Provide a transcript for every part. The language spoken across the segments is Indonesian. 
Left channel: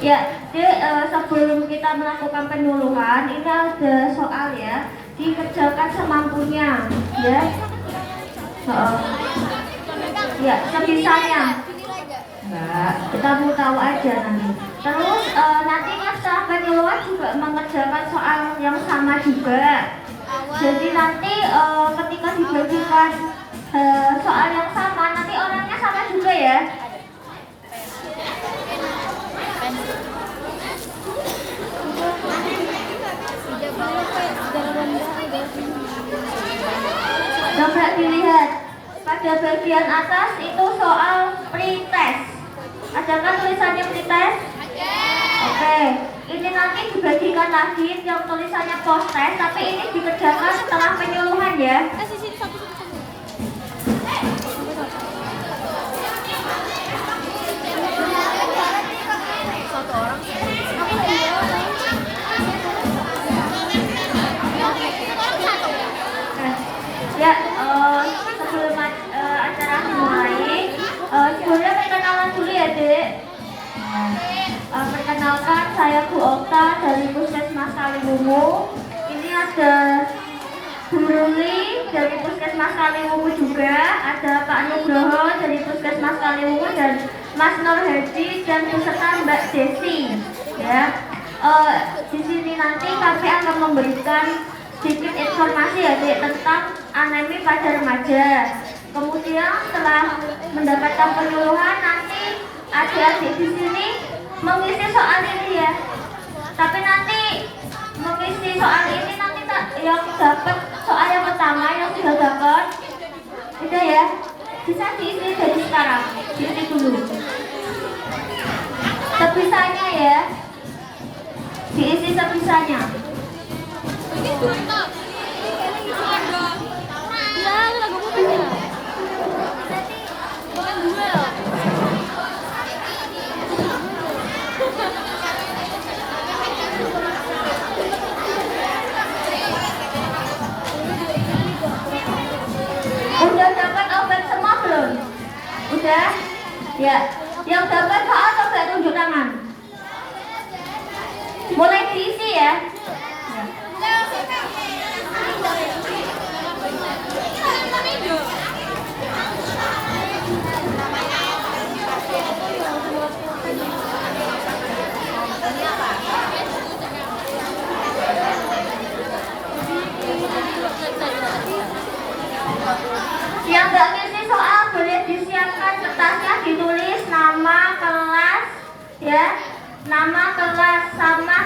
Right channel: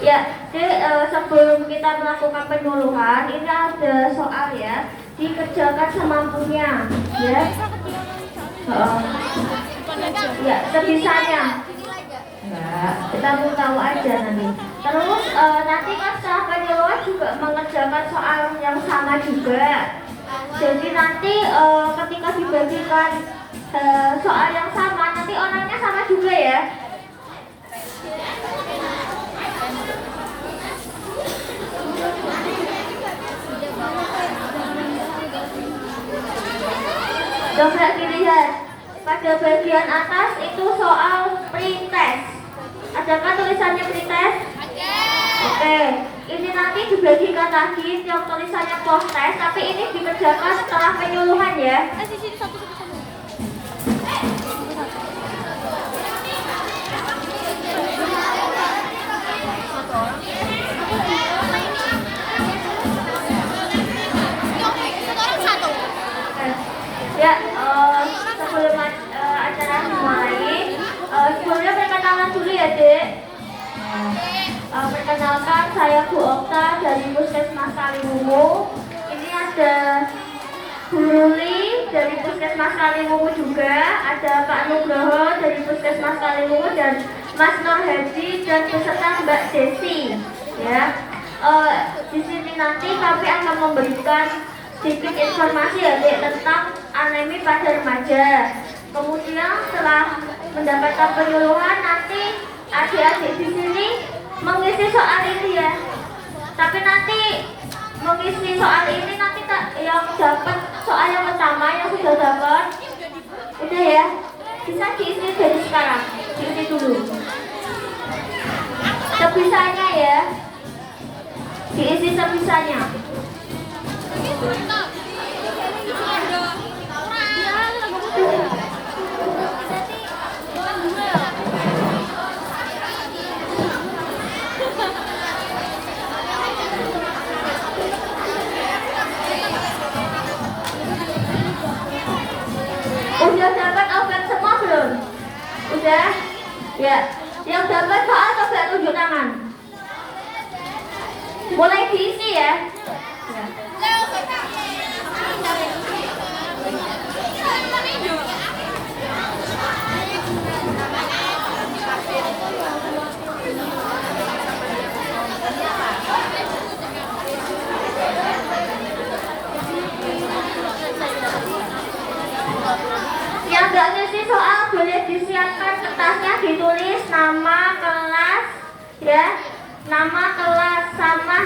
Ya, sebelum kita melakukan penyuluhan, ini ada soal ya, dikerjakan semampunya, ya. Ya, sebisanya. Enggak, kita mau tahu aja nanti. Terus nanti kan setelah penyuluhan juga mengerjakan soal yang sama juga. Jadi nanti ketika dibagikan soal yang sama, nanti orangnya sama juga ya. Coba dilihat pada bagian atas itu soal pretest. Adakah tulisannya pretest? Oke, ini nanti dibagikan lagi yang tulisannya post test, tapi ini dikerjakan setelah penyuluhan ya. Satu orang. Ya, sebelum acara dimulai, sebelumnya perkenalan dulu ya, Dek. Perkenalkan, saya Bu Okta dari Puskesmas Kaliwungu. Ini ada Bu Ruli dari Puskesmas Kaliwungu juga, ada Pak Nugroho dari Puskesmas Kaliwungu dan Mas Nur Hadi dan beserta Mbak Desi. Ya, di sini nanti kami akan memberikan sedikit informasi ya tentang anemi pada remaja. Kemudian setelah mendapatkan penyuluhan, nanti adik-adik di sini mengisi soal ini ya. Tapi nanti mengisi soal ini nanti yang dapat soal yang pertama yang sudah dapat, udah ya, bisa diisi dari sekarang, diisi dulu. Sebisanya ya, diisi sebisanya. Udah dapat obat semua belum? Udah? Ya. Yang dapat soal coba tunjuk tangan. Boleh diisi ya. Yang nggak ngisi soal boleh disiapkan kertasnya, ditulis nama kelas ya, nama kelas sama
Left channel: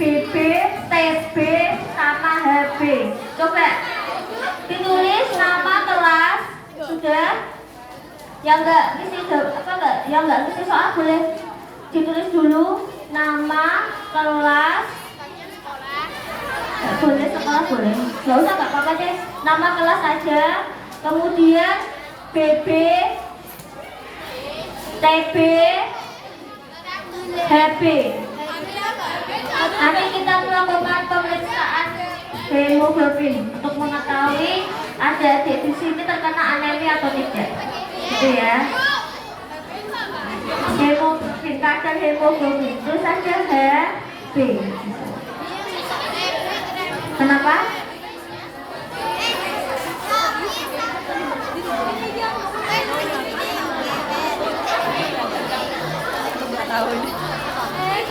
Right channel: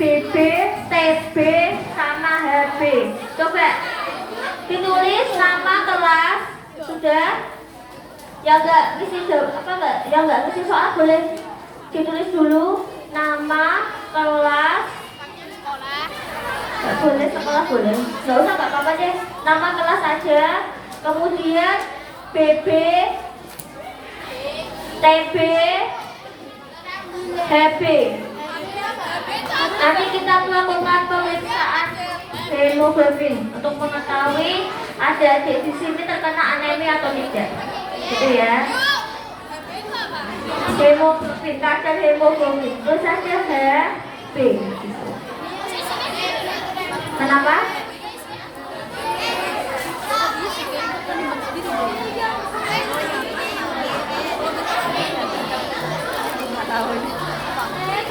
BB, TB sama HB. Coba ditulis nama kelas, sudah. Yang nggak ngisi yang nggak ngisi soal boleh ditulis dulu nama kelas. Nggak boleh sekolah boleh, nggak usah nggak apa-apa deh, nama kelas aja. Kemudian BB, TB, HB. Nanti kita melakukan pemeriksaan hemoglobin untuk mengetahui ada di sini terkena anemi atau tidak. Gitu ya. Hemoglobin, kadar hemoglobin. Terus saja HB. Kenapa?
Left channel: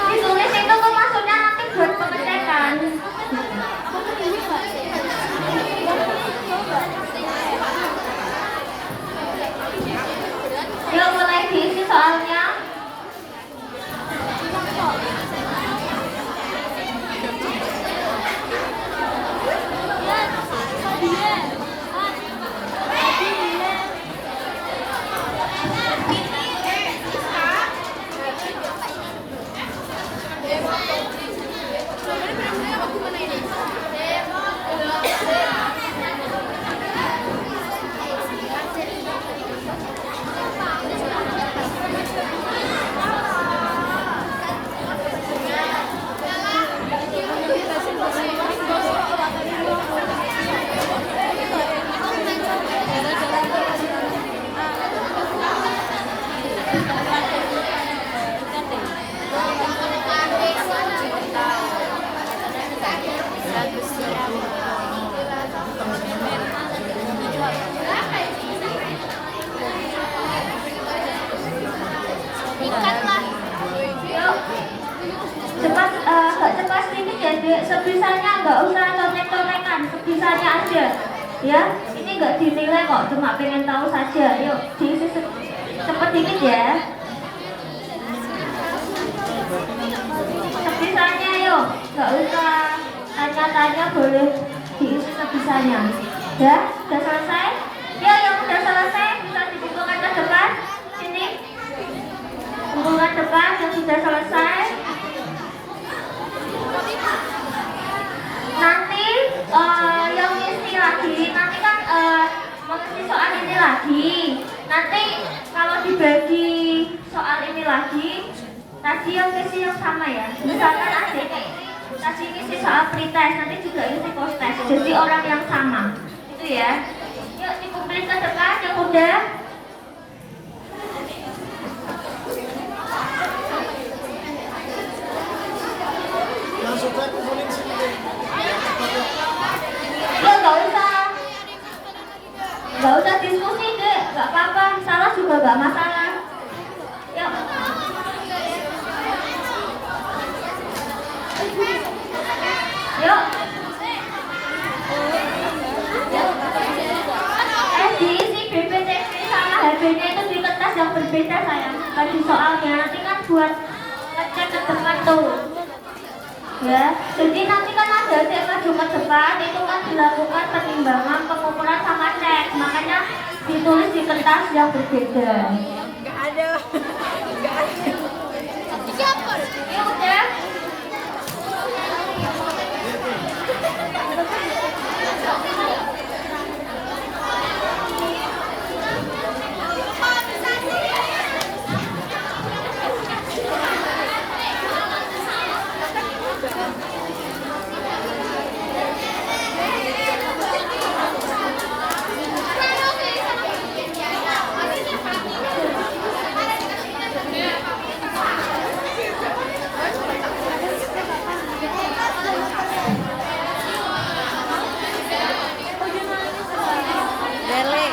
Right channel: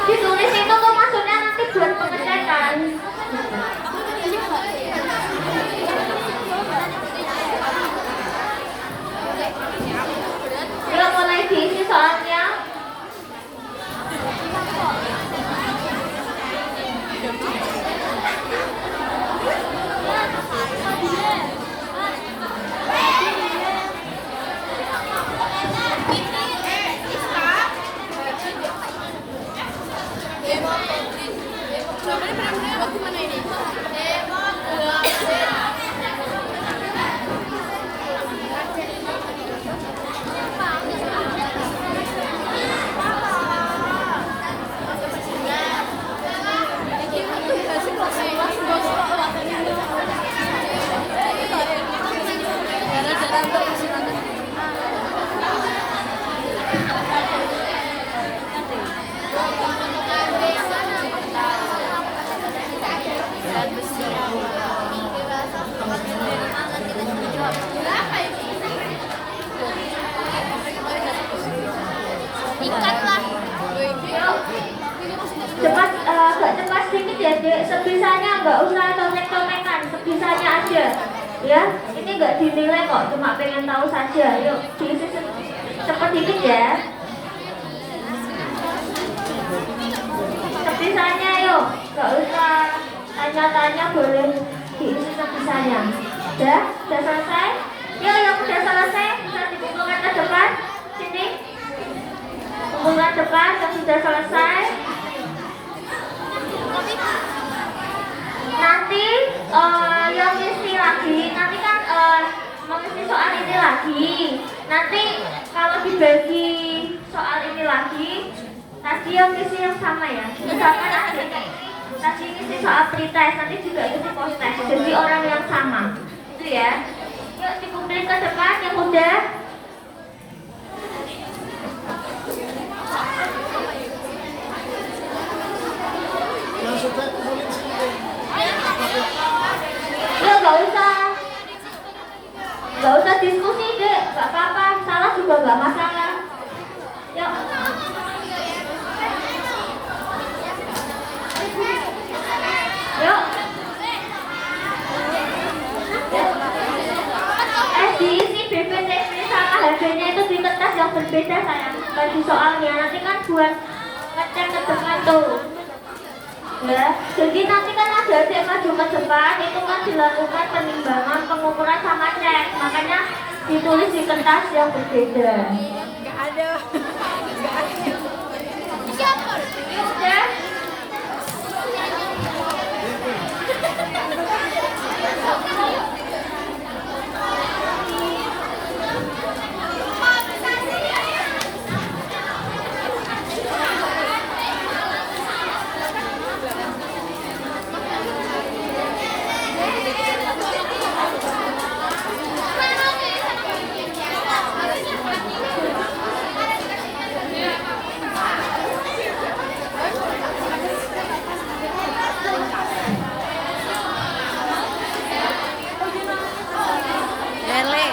Ditulis itu maksudnya nanti buat pengecekan. Belum mulai diisi soalnya. Ya, ini nggak dinilai kok, cuma pengen tahu saja. Yuk, diisi cepet dikit ya. Sebisanya yuk, nggak usah tanya-tanya, boleh diisi sebisanya. Udah selesai? Yuk, yang udah selesai bisa dikumpulkan ke depan. Sini, kumpulkan depan yang sudah selesai. Nanti yang isi lagi, nanti kan mengisi soal ini lagi. Nanti kalau dibagi soal ini lagi, tadi yang isi yang sama ya. Misalkan adik tadi isi soal pretest, nanti juga isi post-test. Jadi orang yang sama, itu ya. Yuk dikumpulin ke depan yang udah. Langsung saya kumpulin sini. Gak usah diskusi deh, gak apa-apa, salah juga gak masalah. Yuk. Yuk. Diisi BPTP sama HP-nya itu di kertas yang berbeda sayang. Bagi soalnya nanti kan buat ngecek ke depan tuh. Ya, jadi nanti kan ada cek maju ke depan, itu kan dilakukan penimbangan, pengukuran sama cek. Makanya ditulis di kertas yang berbeda. Gak ada. Siapa? Ya. Lele.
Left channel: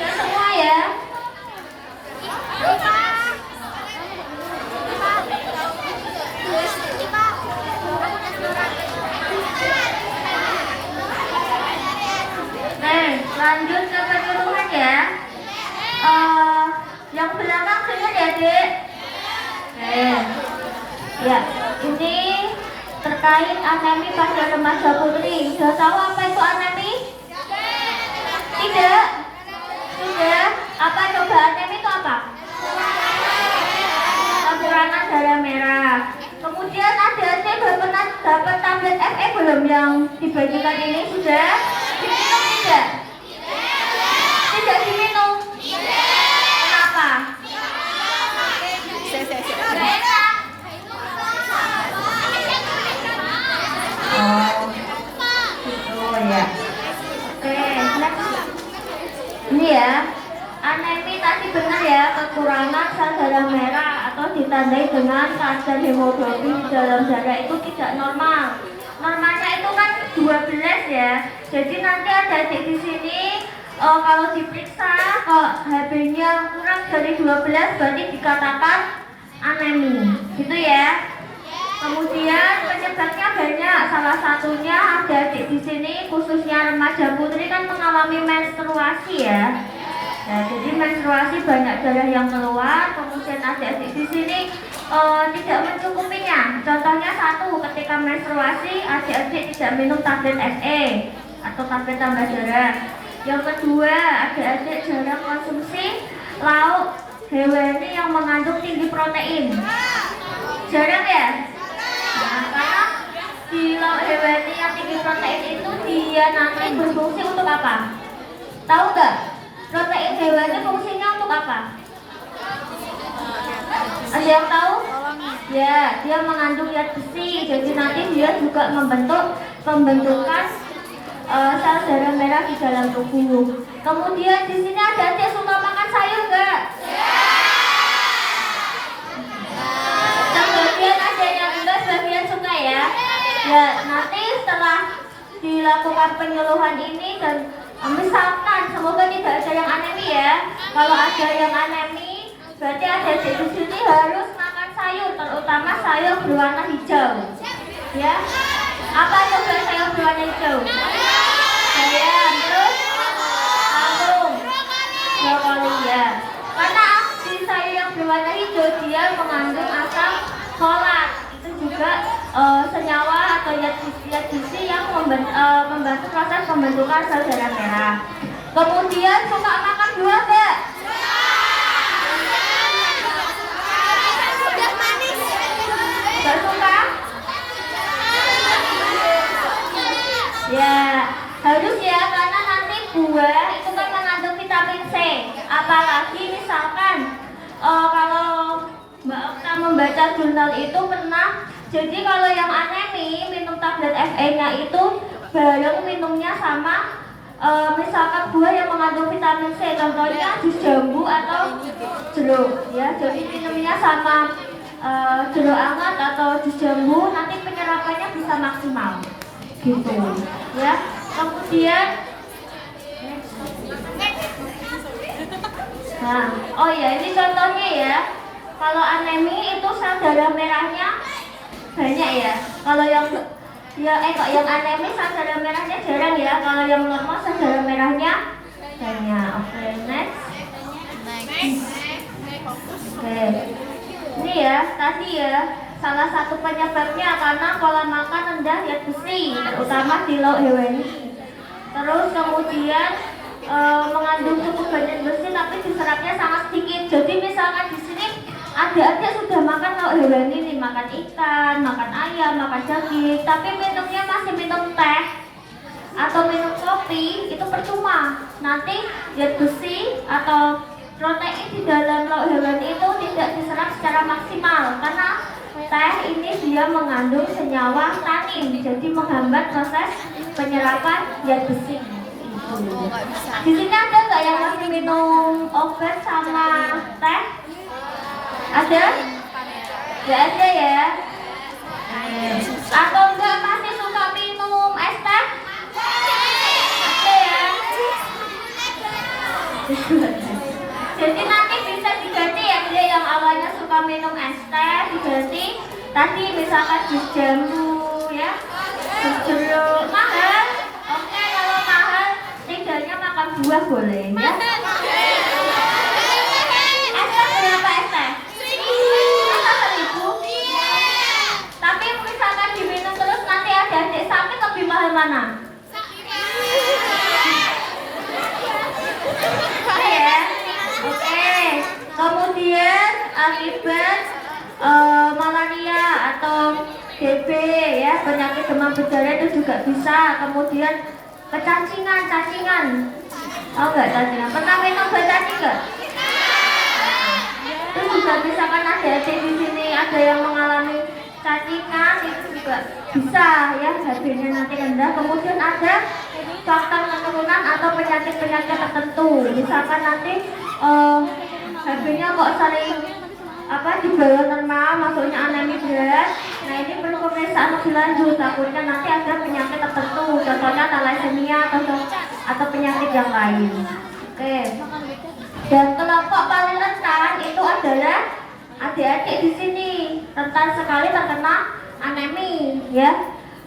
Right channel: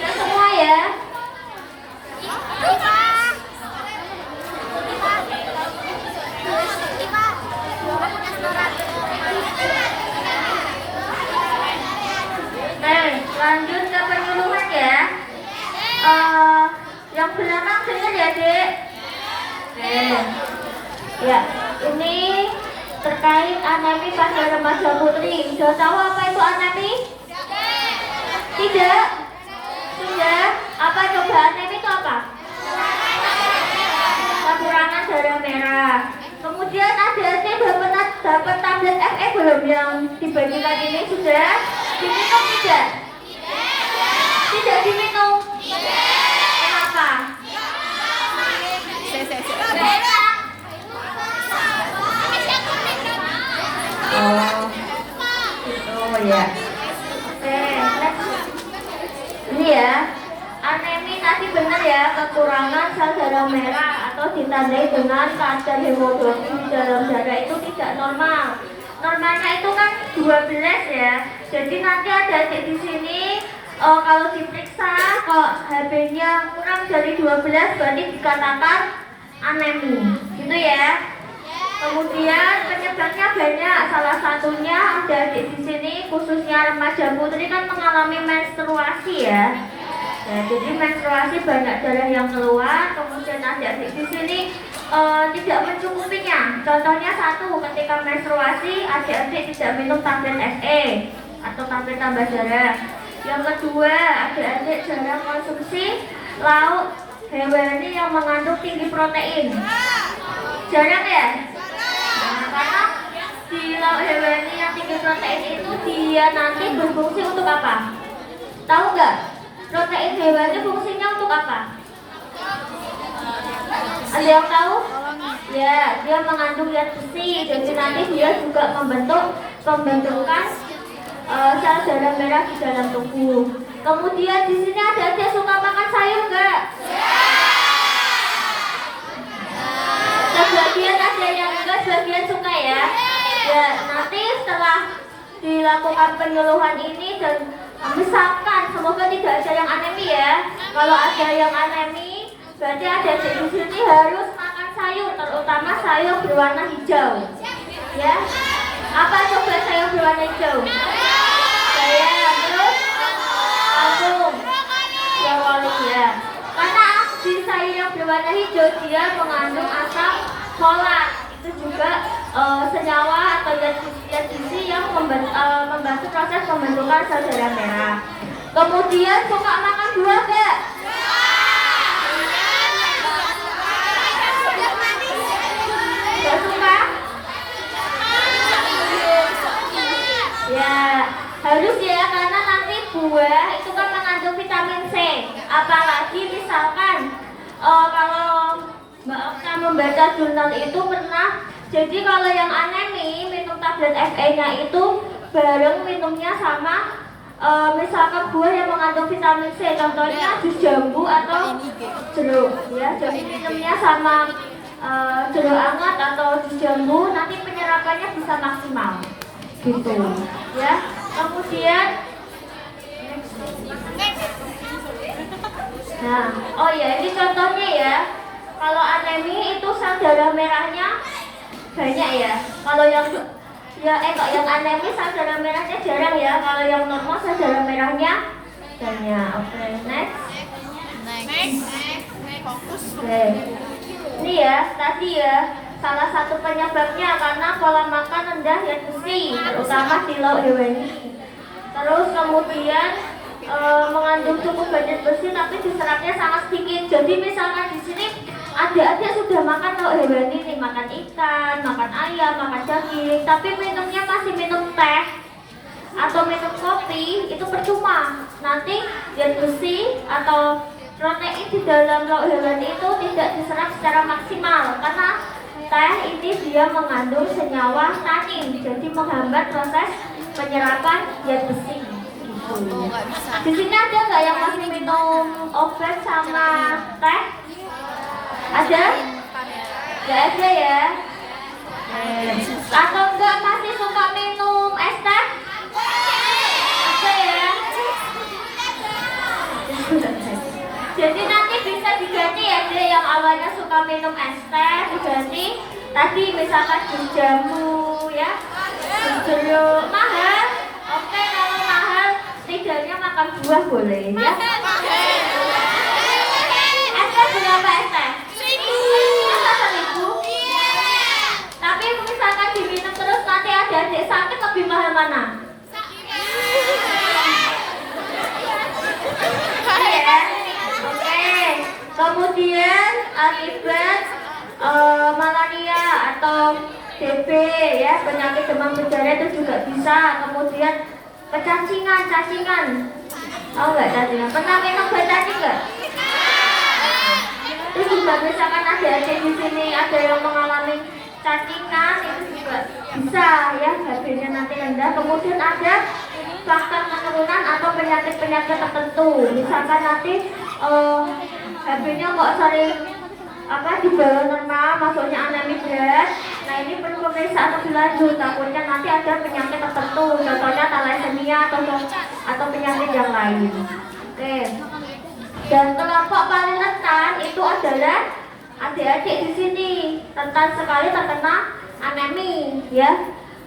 Semua ya. Lanjut ke penyuluhan ya. Yang belakang dengar ya dek. Ya, ini terkait anemi pada remaja putri. Sudah tahu apa itu anemi? Tidak. Tidak. Apa coba anemi itu apa? Kekurangan darah merah. Kemudian adanya sudah pernah dapat tablet FE belum yang dibagikan ini sudah? Diminum tidak? Tidak diminum. Kenapa? Gak enak. Oh ya. Oke, next. Ini ya. Anemi tadi benar ya, kekurangan sel darah merah atau ditandai dengan kadar hemoglobin di dalam darah itu tidak normal. Normalnya itu kan 12 ya. Jadi nanti ada di sini kalau diperiksa kok HB-nya kurang dari 12 berarti dikatakan anemi. Gitu ya. Kemudian penyebabnya banyak. Salah satunya ada di sini khususnya remaja putri kan mengalami menstruasi ya. Ya, jadi menstruasi banyak darah yang keluar, kemudian adik-adik di sini tidak mencukupinya. Contohnya satu, ketika menstruasi adik-adik tidak minum tablet SE atau tablet tambah darah. Yang kedua, adik-adik jarang konsumsi lauk hewani yang mengandung tinggi protein. Jarang ya? Nah, karena di lauk hewani yang tinggi protein itu dia nanti berfungsi untuk apa? Tahu nggak? Protein hewani fungsinya untuk apa? Ada yang tahu? Ya, dia mengandung zat besi. Jadi nanti dia juga pembentukan sel darah merah di dalam tubuh. Kemudian di sini ada yang suka makan sayur nggak? Sebagian ada yang enggak, sebagian suka Ya, nanti setelah dilakukan penyuluhan ini dan misalkan semoga tidak ada yang anemi ya. Kalau ada yang anemi, berarti ada di sini harus makan sayur, terutama sayur berwarna hijau. Ya, apa coba sayur berwarna hijau? Bayam, terus kangkung, brokoli ya. Karena di sayur yang berwarna hijau dia mengandung asam folat. Itu juga senyawa atau zat gizi yang membantu proses pembentukan sel darah merah. Kemudian suka makan buah nggak? Nggak suka? Ya, harus ya, karena nanti buah itu kan mengandung vitamin C. Apalagi misalkan kalau Mbak Okta membaca jurnal itu pernah, jadi kalau yang anemi minum tablet FE-nya itu bareng minumnya sama misalkan buah yang mengandung vitamin C, contohnya jus jambu atau jeruk ya. Jadi minumnya sama jeruk hangat atau jus jambu, nanti penyerapannya bisa maksimal gitu ya. Kemudian nah, oh ya, ini contohnya ya. Kalau anemi itu sel darah merahnya banyak ya. Kalau yang yang anemi sel darah merahnya jarang ya. Kalau yang normal sel darah merahnya banyak. Oke, next. Oke. Ini ya, tadi ya salah satu penyebabnya karena pola makan rendah zat besi, terutama di lauk hewani. Terus kemudian mengandung cukup banyak besi tapi diserapnya sangat sedikit. Jadi misalkan di sini adik-adik sudah makan lauk hewani nih, makan ikan, makan ayam, makan daging, tapi minumnya masih minum teh atau minum kopi, itu percuma. Nanti zat besi atau protein di dalam lauk hewani itu tidak diserap secara maksimal karena teh ini dia mengandung senyawa tanin, jadi menghambat proses penyerapan zat besi. Nggak bisa. Di sini ada nggak yang masih minum obat sama teh? Ada? Nggak ada ya? Atau enggak masih suka minum es teh? Ada ya? Jadi nanti bisa diganti ya, dia yang awalnya suka minum es teh diganti tadi misalkan jus jambu ya, jus jeruk. Mahal? Oke, kalau mahal tidaknya makan buah boleh ya. Es teh berapa es teh? 1.000. Tapi misalkan diminum terus nanti adik-adik sakit, lebih mahal mana? Kemudian akibat malaria atau TB ya, penyakit demam berdarah itu juga bisa. Kemudian cacingan. Oh enggak cacingan. Pernah minum obat cacing enggak? Itu juga misalkan adik-adik di sini ada yang mengalami cacingan, itu juga bisa ya, HB-nya nanti rendah. Kemudian ada faktor keturunan atau penyakit-penyakit tertentu. Misalkan nanti HB-nya kok sering di bawah normal, maksudnya anemi berat. Nah, ini perlu pemeriksaan lebih lanjut. Takutnya nanti ada penyakit tertentu, contohnya thalassemia atau penyakit yang lain. Oke. Dan kelompok paling rentan itu adalah adik-adik di sini, rentan sekali terkena anemi ya.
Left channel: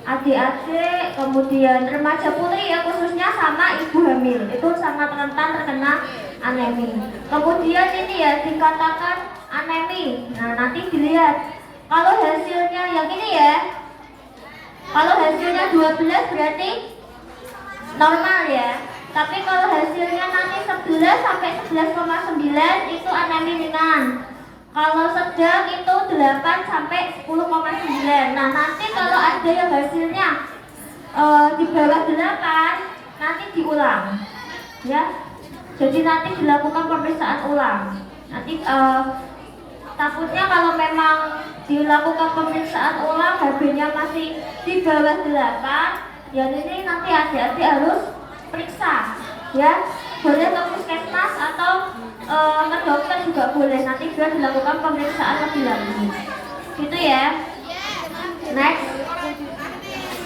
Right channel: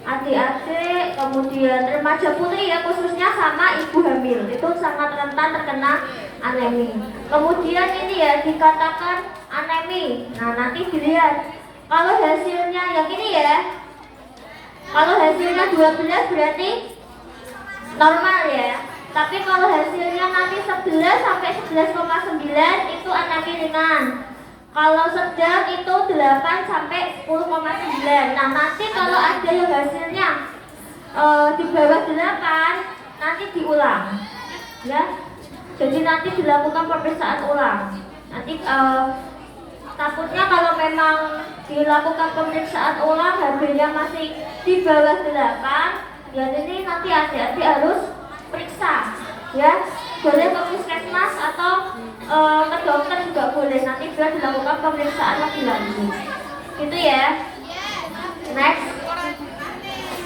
Adik-adik, kemudian remaja putri ya, khususnya sama ibu hamil itu sangat rentan terkena anemi. Kemudian ini ya dikatakan anemi. Nah, nanti dilihat kalau hasilnya yang ini ya, kalau hasilnya 12 berarti normal ya. Tapi kalau hasilnya nanti 11 sampai 11,9 itu anemi ringan. Kalau sedang itu 8 sampai 10,9. Nah, nanti kalau ada yang hasilnya di bawah 8 nanti diulang ya. Jadi nanti dilakukan pemeriksaan ulang. Nanti takutnya kalau memang dilakukan pemeriksaan ulang HB-nya masih di bawah 8, ya ini nanti adik-adik harus periksa ya. Boleh ke puskesmas atau ke dokter juga boleh, nanti biar dilakukan pemeriksaan lebih lanjut gitu ya. Next.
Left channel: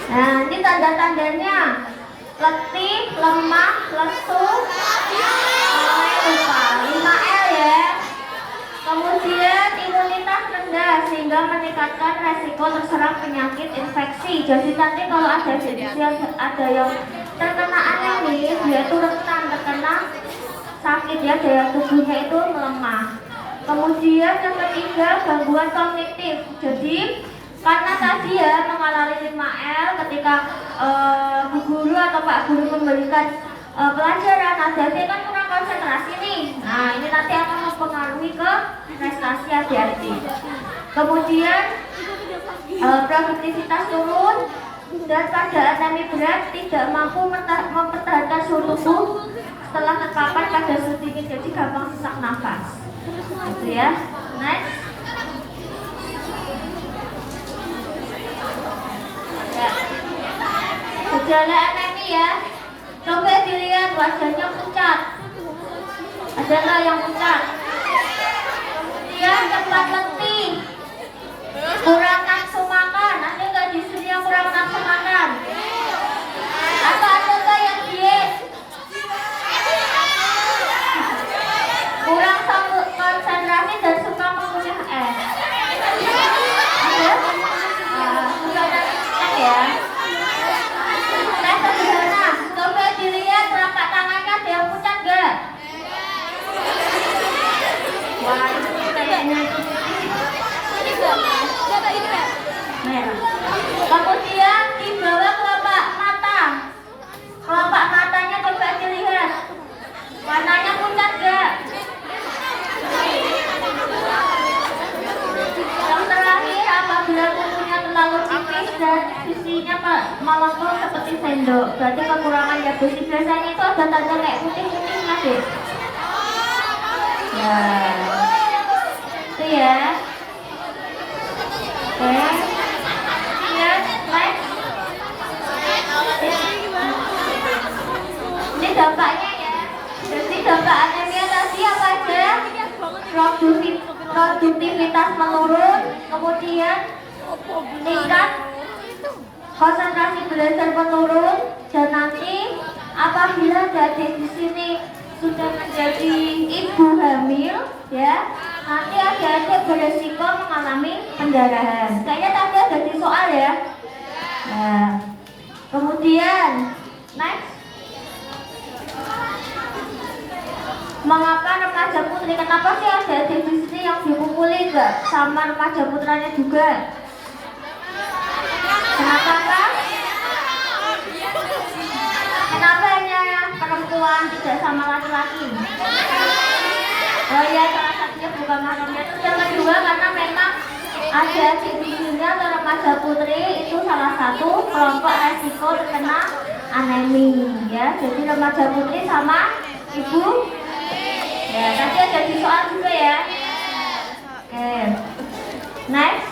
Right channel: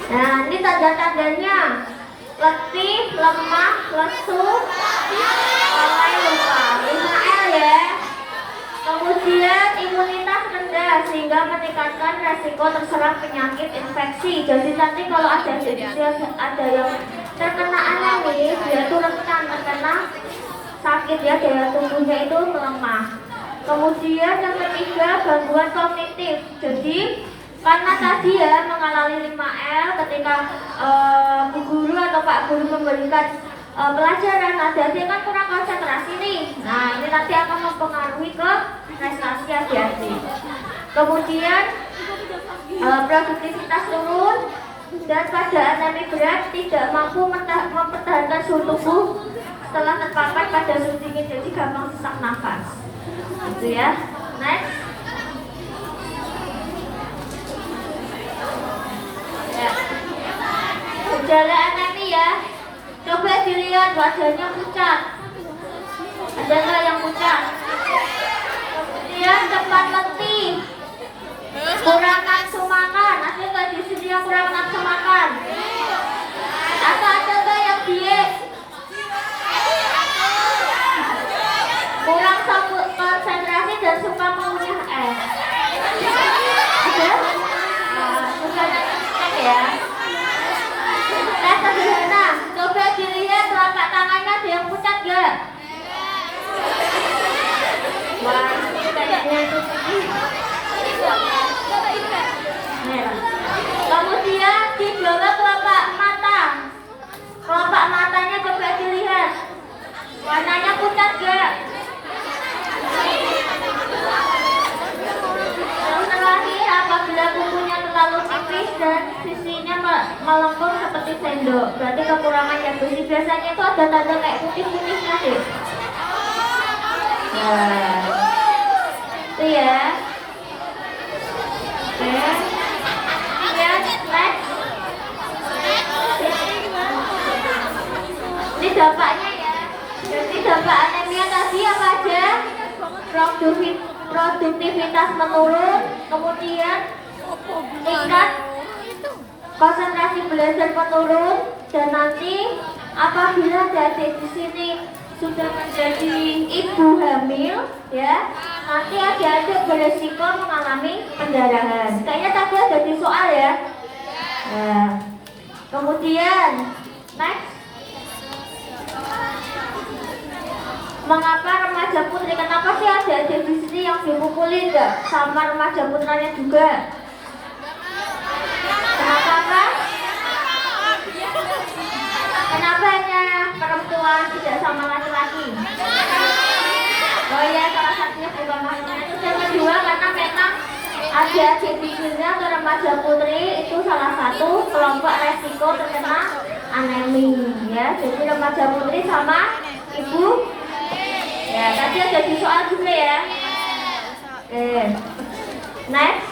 Nah, ini tanda-tandanya: letih, lemah, lesu, lalai, lupa. 5L ya. Kemudian imunitas rendah sehingga meningkatkan resiko terserang penyakit infeksi. Jadi nanti kalau ada yang terkena anemi, dia itu rentan terkena sakit ya, daya tubuhnya itu melemah. Kemudian yang ketiga, gangguan kognitif. Jadi karena tadi ya mengalami 5L ketika Bu Guru atau Pak Guru memberikan pelajaran, adik-adik kan kurang konsentrasi nih. Nah, ini nanti akan mempengaruhi ke prestasi adik-adik. Kemudian produktivitas turun dan pada anemi berat tidak mampu mempertahankan suhu tubuh setelah terpapar pada suhu dingin, jadi gampang sesak nafas. Gitu ya. Next. Ya. Gejala anemi ya. Coba dilihat wajahnya pucat. Ada nggak yang pucat? Kemudian cepat letih, kurang nafsu makan. Ada nggak di sini yang kurang nafsu makan? Atau ada nggak yang diet? Kurang konsentrasi dan suka mengunyah es. Ada? Nah, suka nangis ya. Tes sederhana, coba dilihat telapak tangannya ada yang pucat nggak? Wah, ini kayaknya merah. Kemudian di bawah kelopak mata. Kelopak matanya coba dilihat. Warnanya pucat nggak? Yang terakhir, apabila kukunya terlalu tipis dan sisinya melengkung seperti sendok, berarti kekurangan zat besi. Biasanya itu ada tanda kayak putih-putih nggak deh? Nah, itu ya. Oke. Ya, next. Ini dampaknya ya. Jadi dampak anemia tadi apa aja? Produktivitas menurun, kemudian tingkat konsentrasi belajar menurun, dan nanti apabila adik di sini sudah menjadi ibu hamil, ya, nanti adik-adik beresiko mengalami pendarahan. Kayaknya tadi ada di soal ya. Nah, kemudian next. Mengapa remaja putri? Kenapa sih adik-adik di sini yang dipukuli enggak sama remaja putranya juga? Kenapa? Kenapa hanya perempuan tidak sama laki-laki? Oh ya, salah satunya bukan maksudnya itu. Yang kedua, karena memang adik-adik di sini atau remaja putri itu salah satu kelompok resiko terkena anemi ya. Jadi remaja putri sama ibu. Ya, tadi ada di soal juga ya. Oke. Next.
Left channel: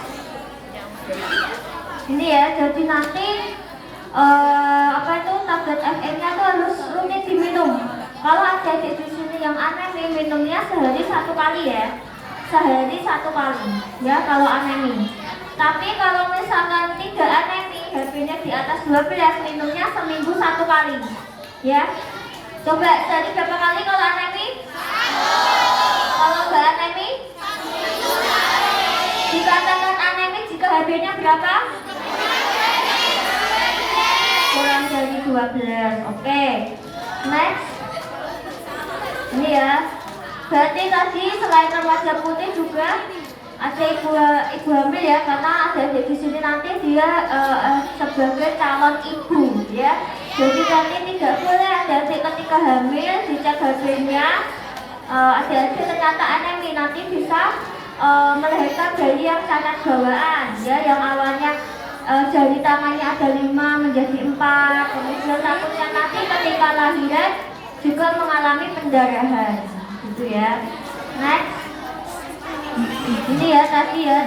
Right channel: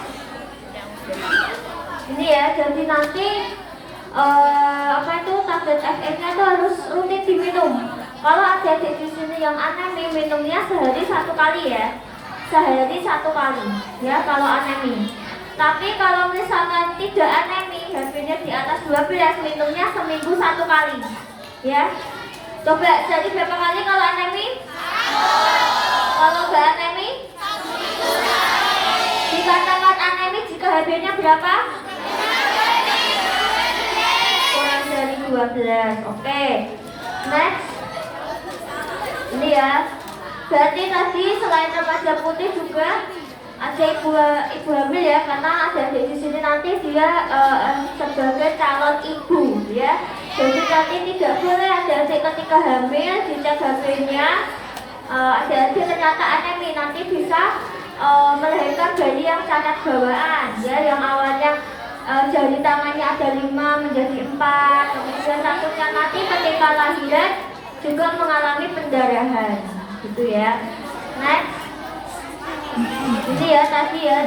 Ini ya, jadi nanti apa itu tablet FE-nya itu harus rutin diminum. Kalau adik-adik di sini yang anemi, minumnya sehari 1 kali ya. Sehari 1 kali ya kalau anemi. Tapi kalau misalkan tidak anemi, HB-nya di atas 12, minumnya seminggu 1 kali. Ya. Coba jadi berapa kali kalau anemi? Kalau nggak anemi? Dikatakan anemi jika HB-nya berapa? Kurang dari 12. Oke. Next. Ini ya. Berarti tadi selain remaja putih juga ada ibu hamil ya, karena ada di sini nanti dia sebagai calon ibu ya. Jadi nanti tidak boleh adik-adik ketika hamil dicek HB-nya, adik-adik ternyata anemi, nanti bisa melahirkan bayi yang cacat bawaan ya, yang awalnya jari tangannya ada 5 menjadi 4, kemudian satunya nanti ketika lahiran juga mengalami pendarahan gitu ya. Next. Ini ya tadi ya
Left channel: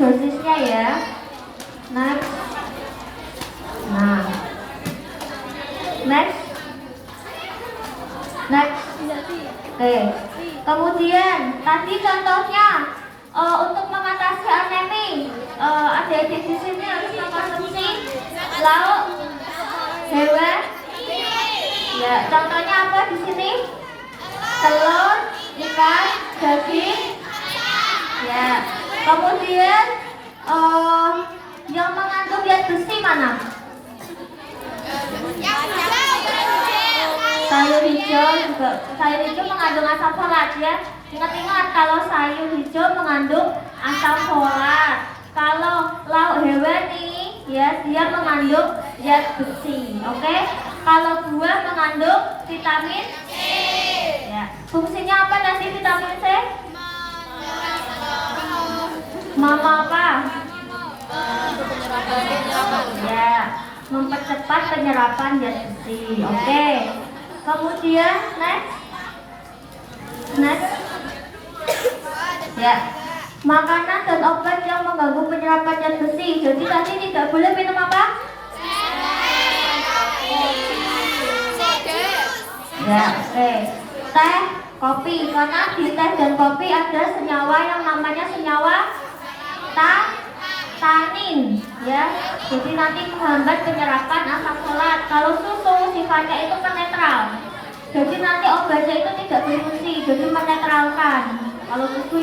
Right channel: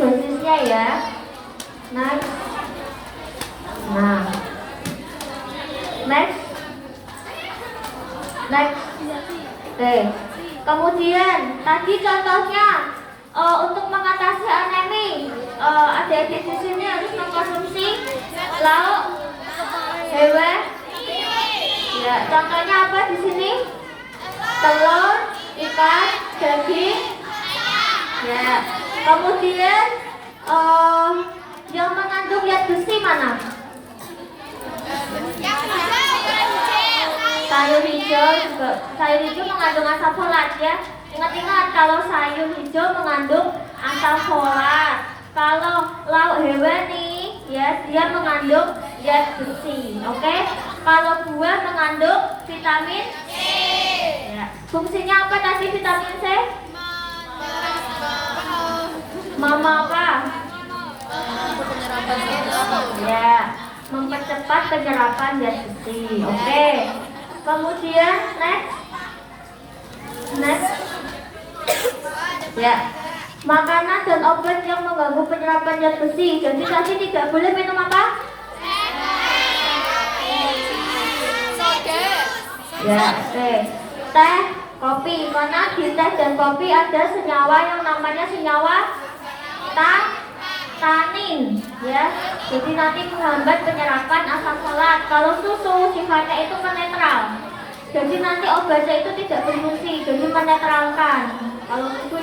dosisnya ya. Next. Nah, next. Oke. Kemudian tadi contohnya untuk mengatasi anemi, adik-adik di sini harus Lauk hewan. Ya, contohnya apa di sini? Telur, ikan, daging. Ya. Kemudian yang mengandung zat besi mana? Sayur hijau juga. Sayur hijau mengandung asam folat ya. Ingat-ingat kalau sayur hijau mengandung asam folat. Kalau lauk hewani ya dia mengandung zat besi. Oke? Kalau buah mengandung vitamin C. Ya. Fungsinya apa nanti vitamin C? Mama apa? Ya, mempercepat penyerapan zat besi. Oke. Kemudian next. Ya. Makanan dan obat yang mengganggu penyerapan zat besi. Jadi tadi tidak boleh minum apa? Ya, oke. Teh, kopi. Karena di teh dan kopi ada senyawa yang namanya senyawa tanin, ya. Jadi nanti menghambat penyerapan asam folat. Kalau susu sifatnya itu netral. Jadi nanti obatnya itu tidak berfungsi, jadi menetralkan. Kalau susu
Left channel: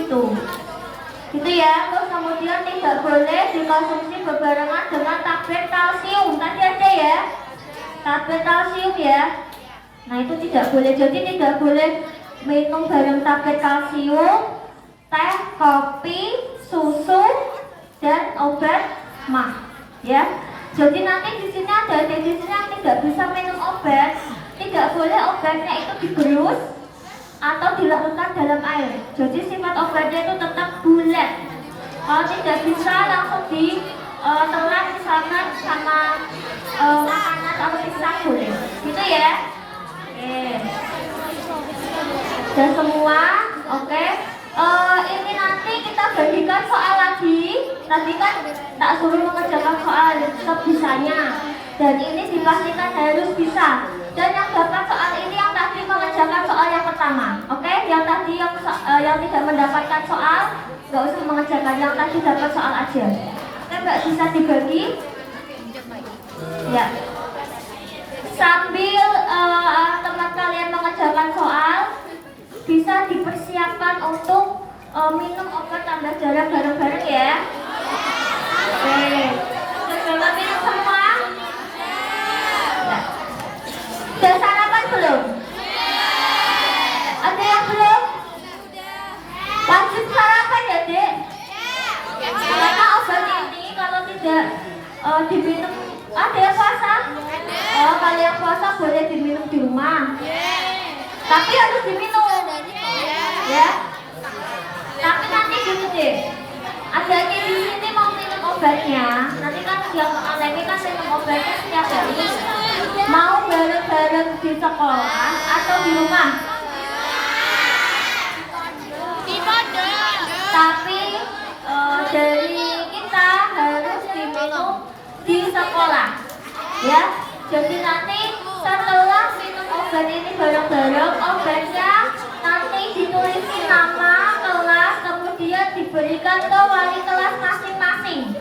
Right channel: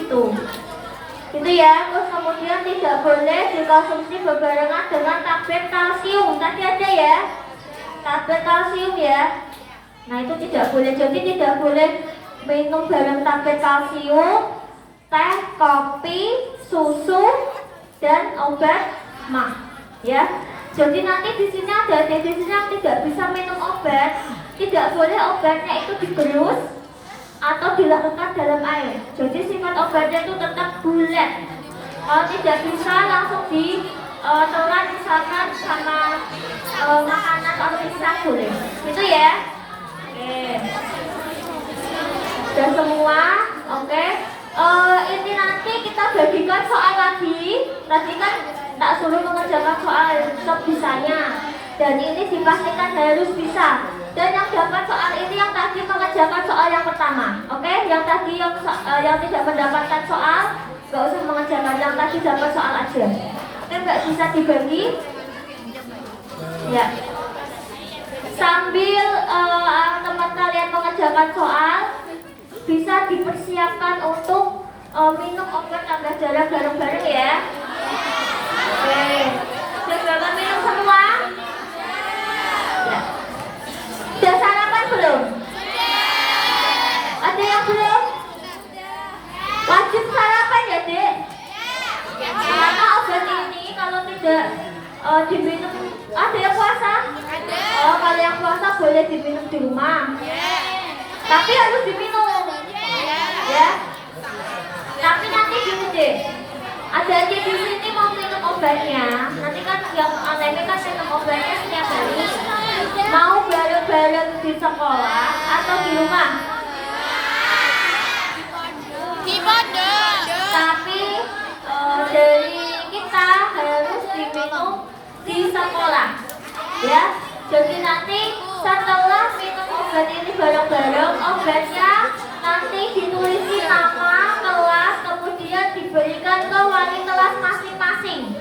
itu ya. Terus kemudian tidak boleh dikonsumsi berbarengan dengan tablet kalsium. Tadi ada ya, tablet kalsium ya. Nah itu tidak boleh. Jadi tidak boleh minum bareng tablet kalsium, teh, kopi, susu, dan obat mah. Ya. Jadi nanti di sini ada definisi yang tidak bisa minum obat. Tidak boleh obatnya itu digerus atau dilarutkan dalam air. Jadi sifat obatnya itu tetap bulat. Kalau tidak bisa langsung ditelan misalkan sama makanan atau pisang boleh. Gitu ya. Oke. Dan semua, oke. Ini nanti kita bagikan soal lagi. Tadi kan tak suruh mengerjakan soal sebisanya. Dan ini dipastikan harus bisa. Dan yang dapat soal ini yang tadi mengerjakan soal yang pertama. Oke, yang tadi yang tidak mendapatkan soal, nggak usah mengerjakan. Yang tadi dapat soal aja. Oke, nggak bisa dibagi. Ya. Sambil teman kalian mengerjakan soal, bisa dipersiapkan untuk minum obat tambah darah bareng-bareng ya. Oke. Sudah minum semua? Sudah sarapan belum? Ada yang belum? Wajib sarapan ya, Dek? Karena obat ini kalau tidak diminum, ada yang puasa? Kalau yang puasa boleh diminum di rumah. Tapi harus diminum. Ya. Tapi nanti ini deh. Ada aja di sini mau minum obatnya. Nanti kan yang ATM kan minum obatnya setiap hari. Mau bareng-bareng di sekolah atau di rumah? Tapi dari kita harus diminum di sekolah, ya. Jadi nanti setelah minum obat ini bareng-bareng, obatnya nanti ditulisin nama kelas, kemudian diberikan ke wali kelas masing-masing.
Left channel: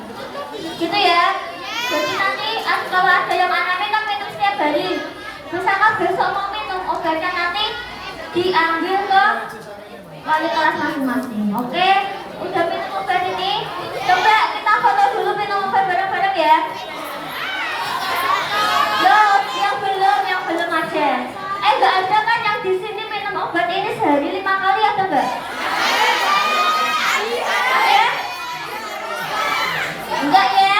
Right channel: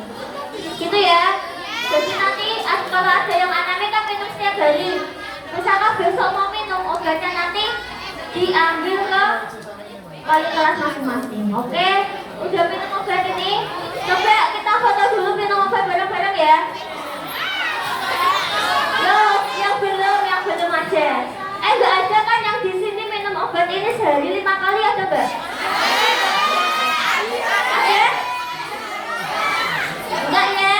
Gitu ya. Jadi nanti kalau ada yang anaknya kan minum setiap hari. Misalkan besok mau minum obatnya nanti diambil ke wali kelas masing-masing. Oke? Udah minum obat ini? Coba kita foto dulu minum obat bareng-bareng ya. Yang belum aja. Enggak ada kan yang di sini minum obat ini sehari 5 kali ada enggak? Ada? Enggak ya?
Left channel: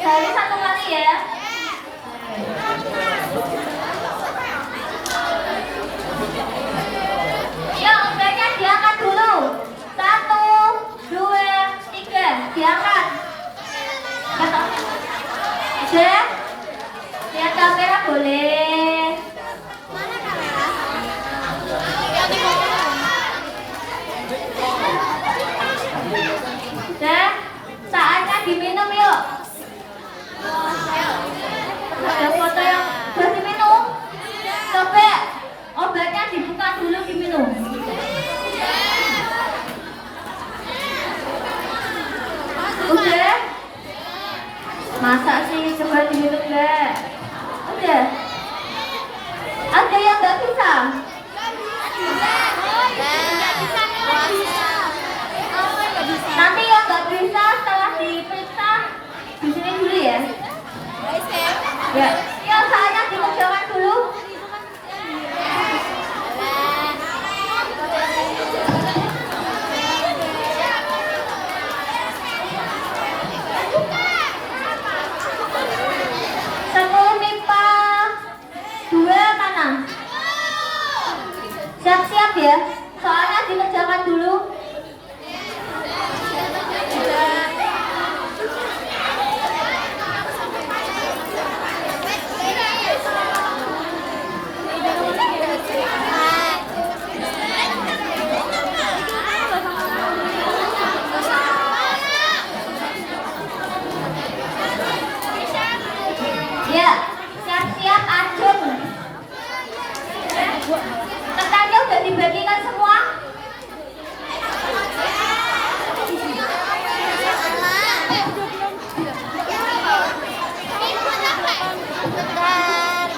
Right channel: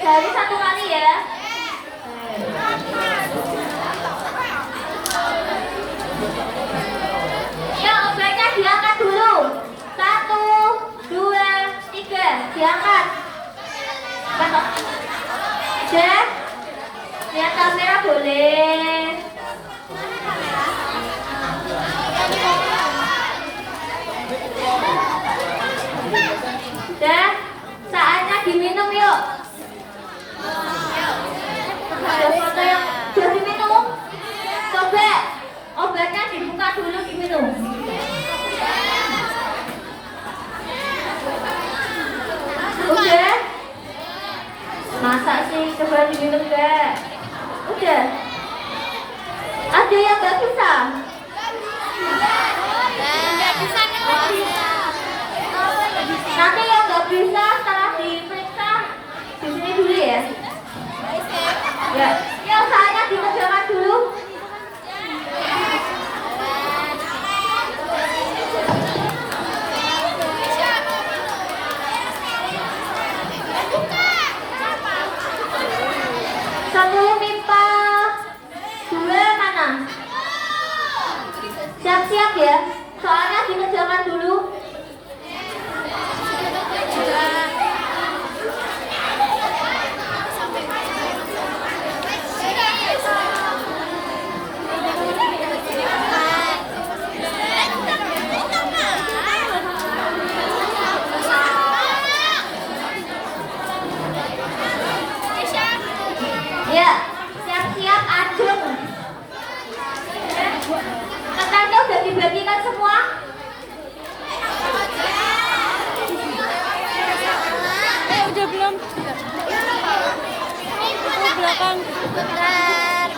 Sehari 1 kali ya? Ya obatnya diangkat dulu. 1, 2, 3, diangkat. Udah? Lihat kamera boleh. Udah? Saatnya diminum yuk. Ada foto yang sudah diminum. Coba obatnya dibuka dulu diminum. Udah? Nah Masa sih, coba dulu deh. Udah. Ada yang nggak bisa? Nanti yang nggak bisa setelah diperiksa di sini dulu ya. Ya. Yang saya dikerjakan dulu. Sepuluh MIPA 2 mana? Siap-siap ya. Soalnya dikerjakan dulu. Ya, siap-siap ajeng. Kertasnya udah dibagikan semua? Bentar.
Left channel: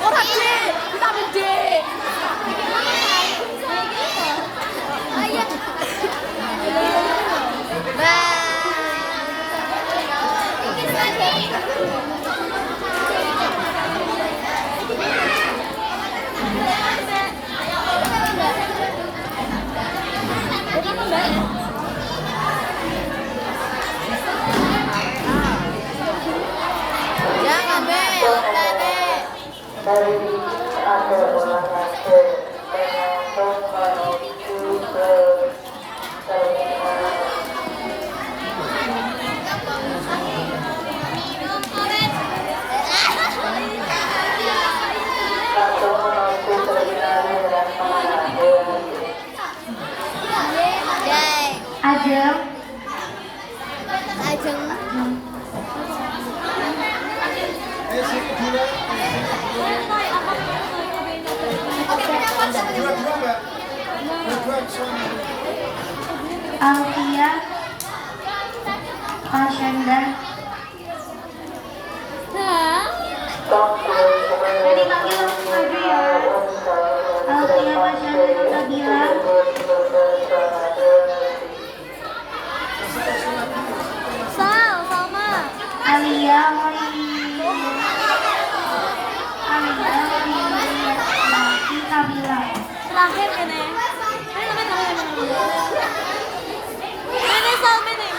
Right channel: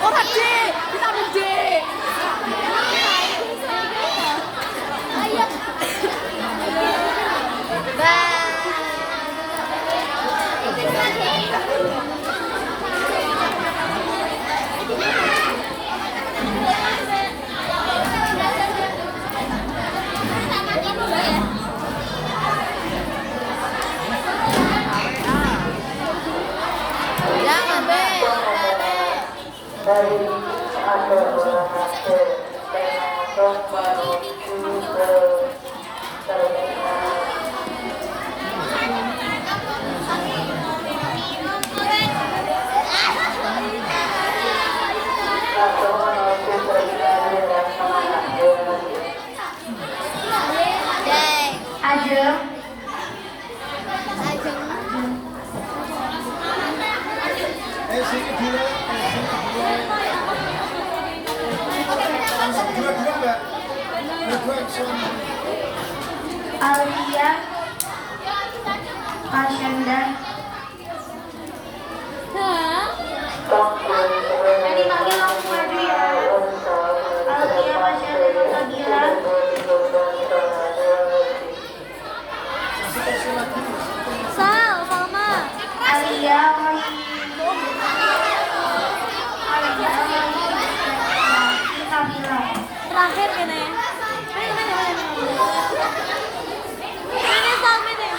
Ora D, vitamin D. Jangan, Mbak. Ajeng. Sini dua. Dua-dua Mbak. Dua-dua soalnya. Alia, Pasenda. Jadi panggil langsung lagi ya. Alia, Pasenda, Nabila. Kasih lagi. Sama. Alia, Nabila. Terakhir kene. Ini sampai deh.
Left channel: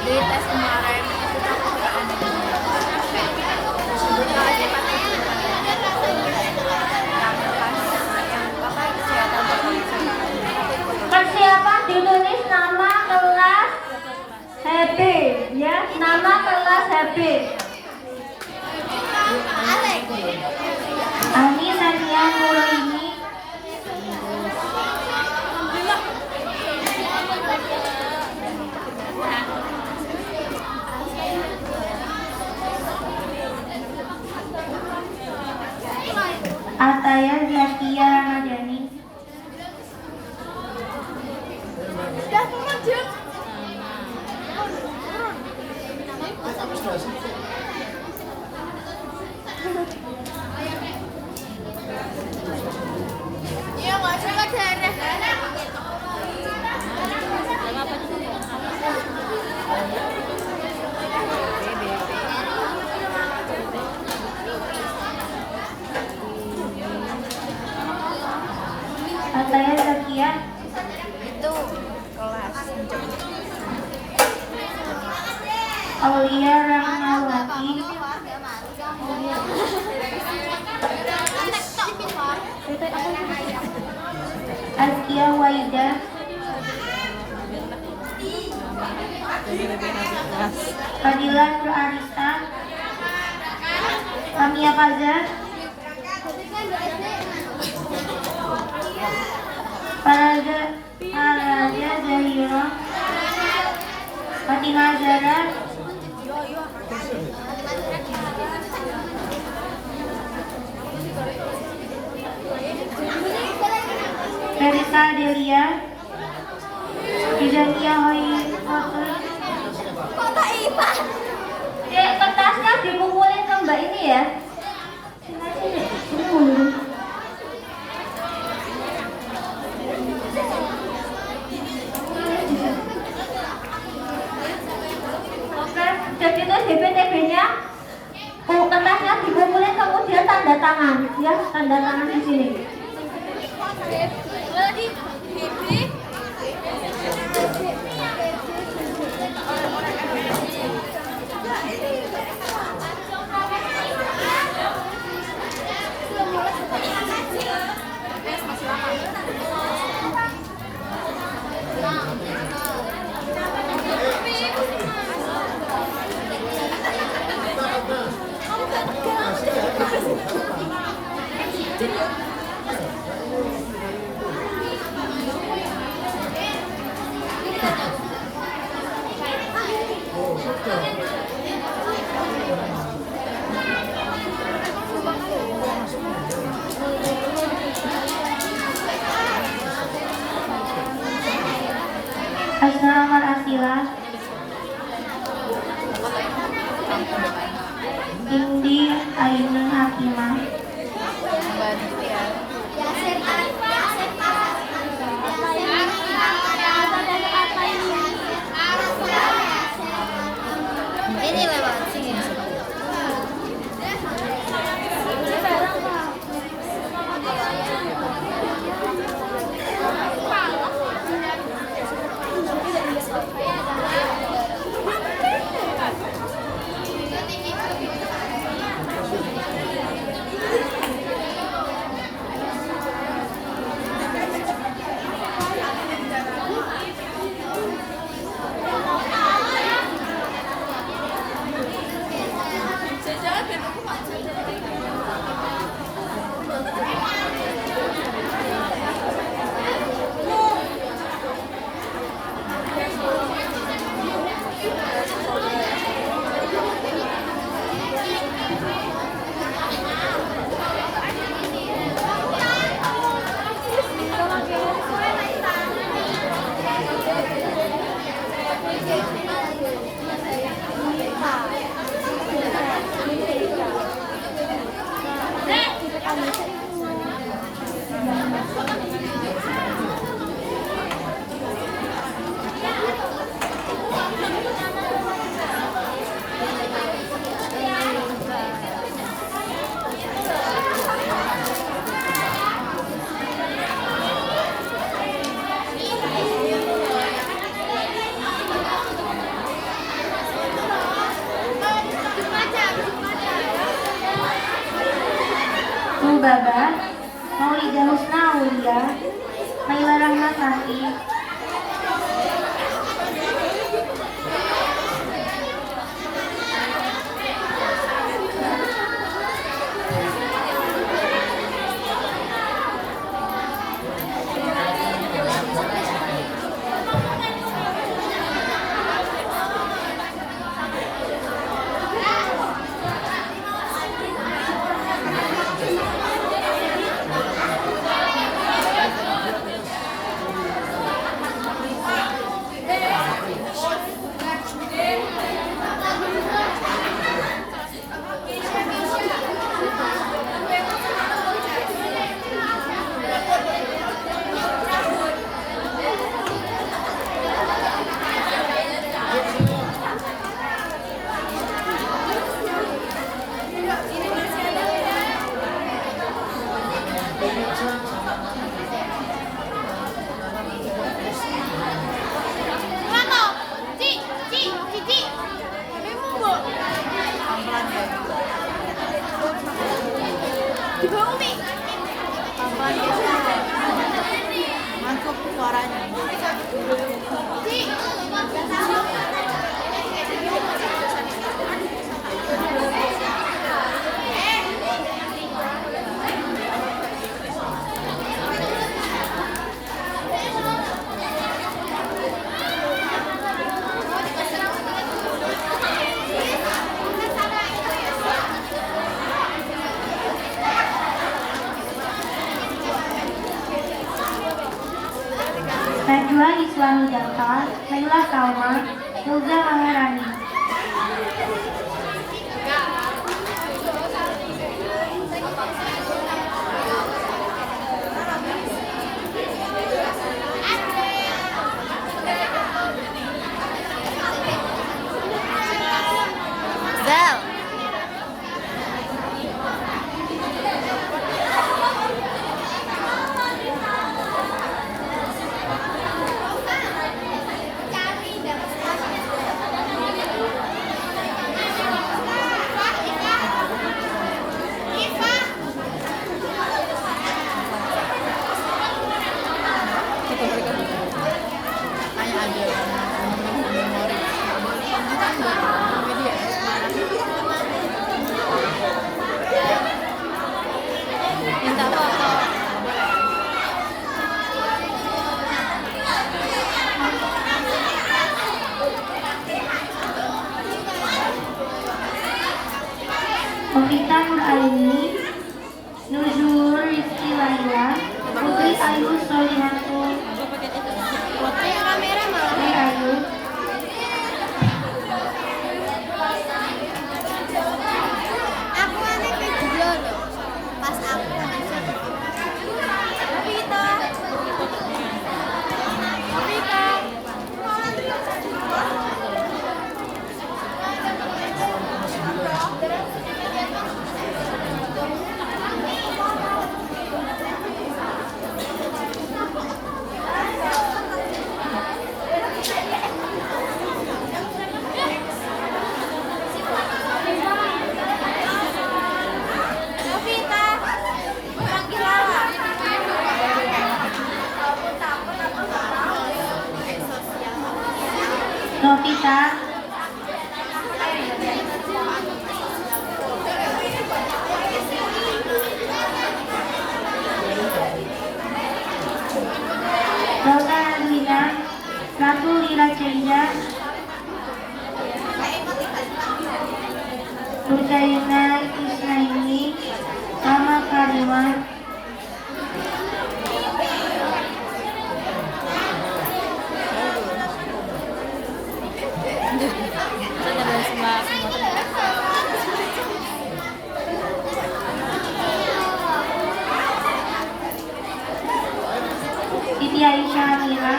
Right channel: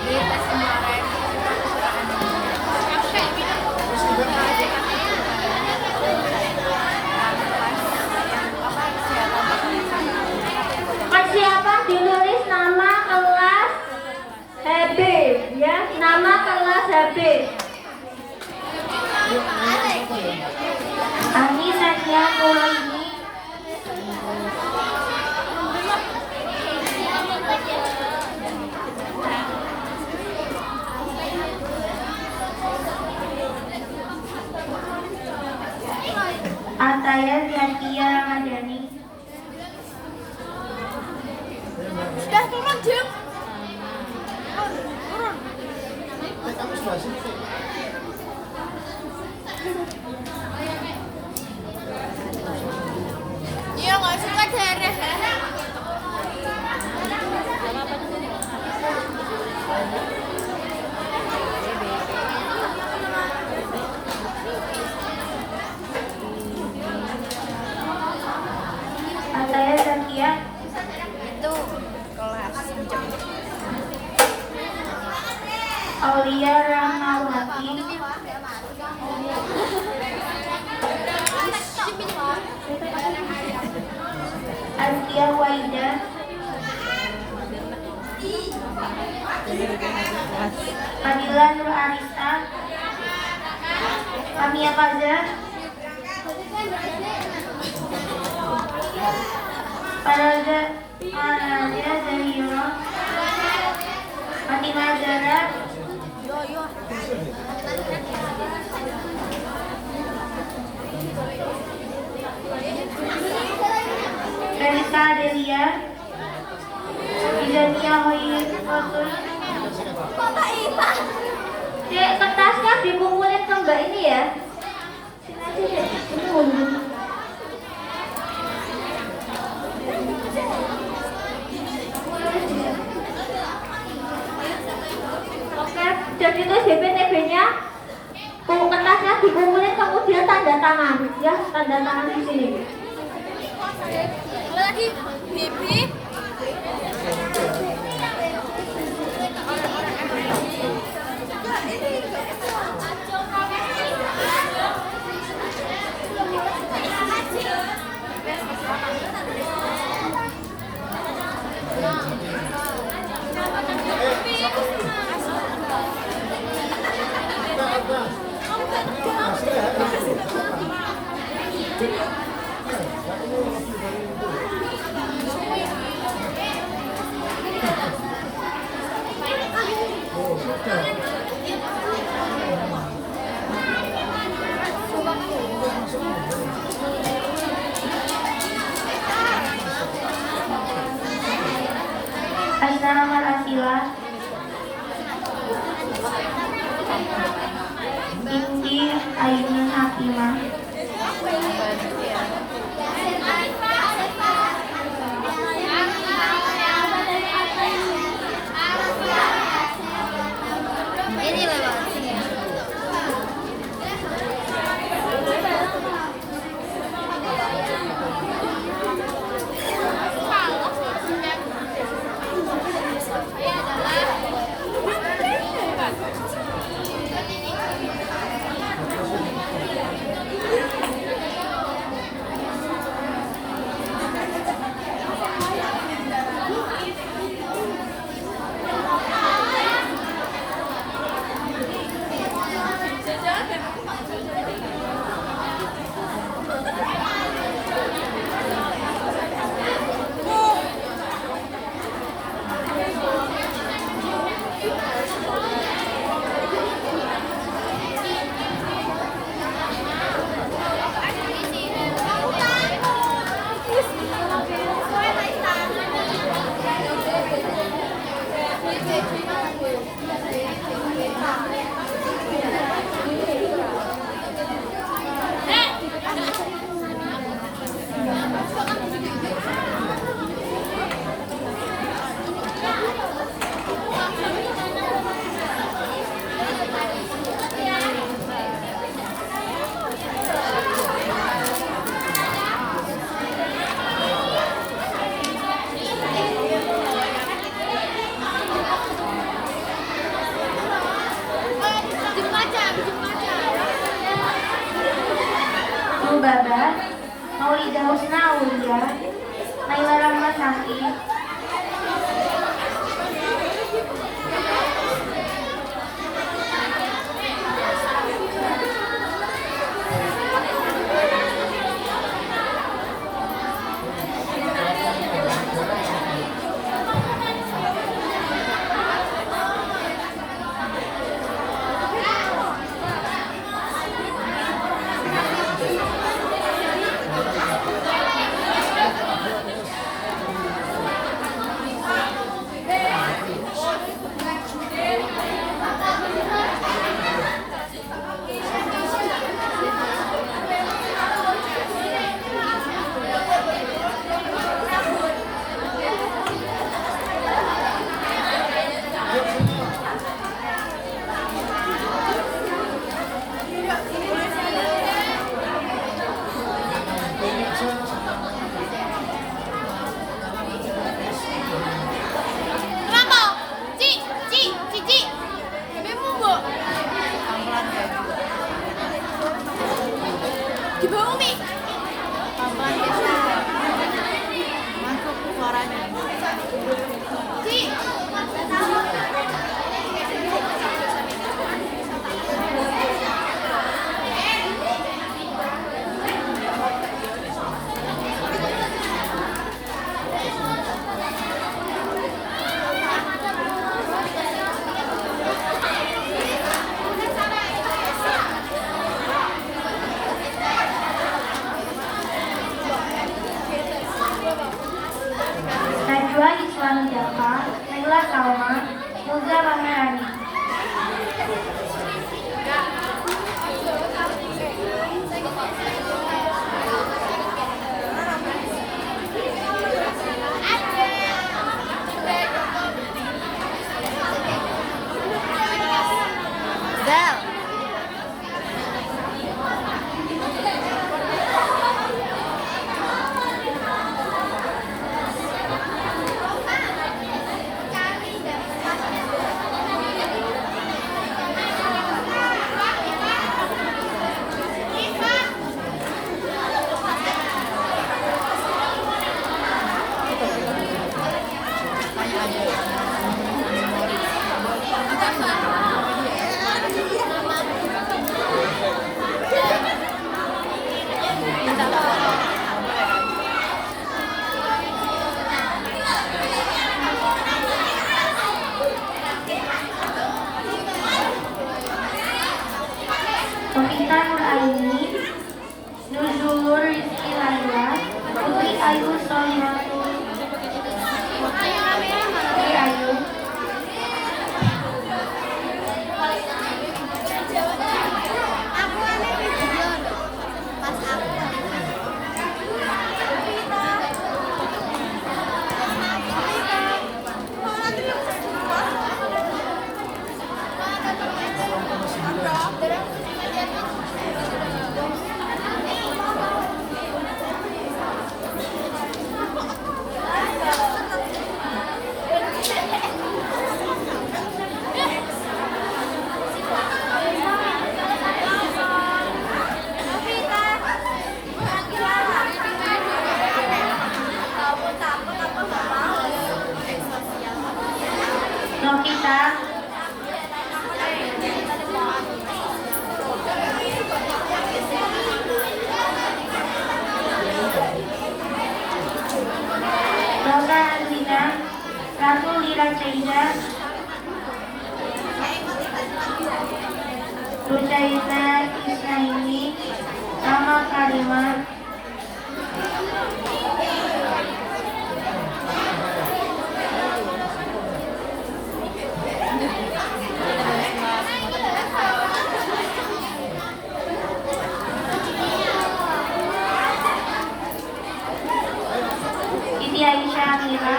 Di tes kemarin kita kekurangan ininya. Kasih pakai yang apa kesehatan Persiapan ditulis nama kelas TB ya, nama kelas TB. Amin Nadia Pulangini. Ataya Zakia Ramadhani. Kamu sudah sih. Iya, nggak suka deh. Ataya Zakia. Itu kelas jam. Aulia Rahmawati. Azkia Waida. Fadila Nur Arista, Kamia Fajar, Paraja Zahira, Fatima Zara, Melissa Delia, Izalia Hoyi Fatul. Kertasnya dikumpulin ke mbak ini ya. Dan itu DPTB-nya, kertasnya dikumpulin kemudian tanda tangan, ya tanda tangan di sini. Lagi Bibi. Asnara Marafila, Indi Ayunan Hakimah, Bantu ya. Ini lewat sini. Baba, Maulida Husna Aulia, Naila Rahmasati, Pelan-pelan guys. Pelan-pelan guys ya. Masuk suaranya. Gal. Makanya ada memori. Ini kan minta foto. Boleh kan? Novita Nuraini, Nuzul Rizky Laila, Putri Ayu Solihatul, Putri Ayu, Aku ini video pas aku. Novita, Dora Adwina, Ratu Iracelia, Budayana Isnaini, Rama Karima, Siti Aisyah Amira,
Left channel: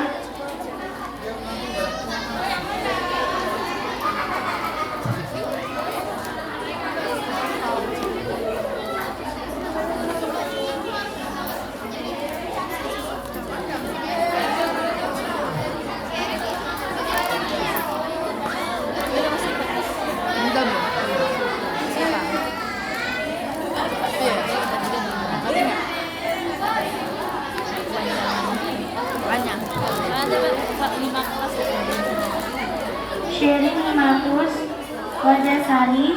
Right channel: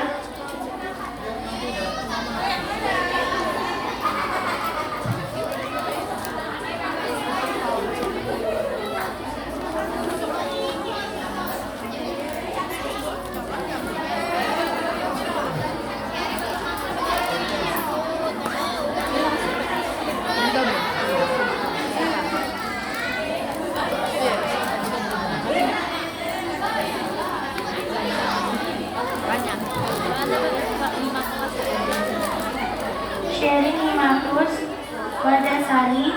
Udah belum? Banyak. Sherin Mahfuz, Wadasari,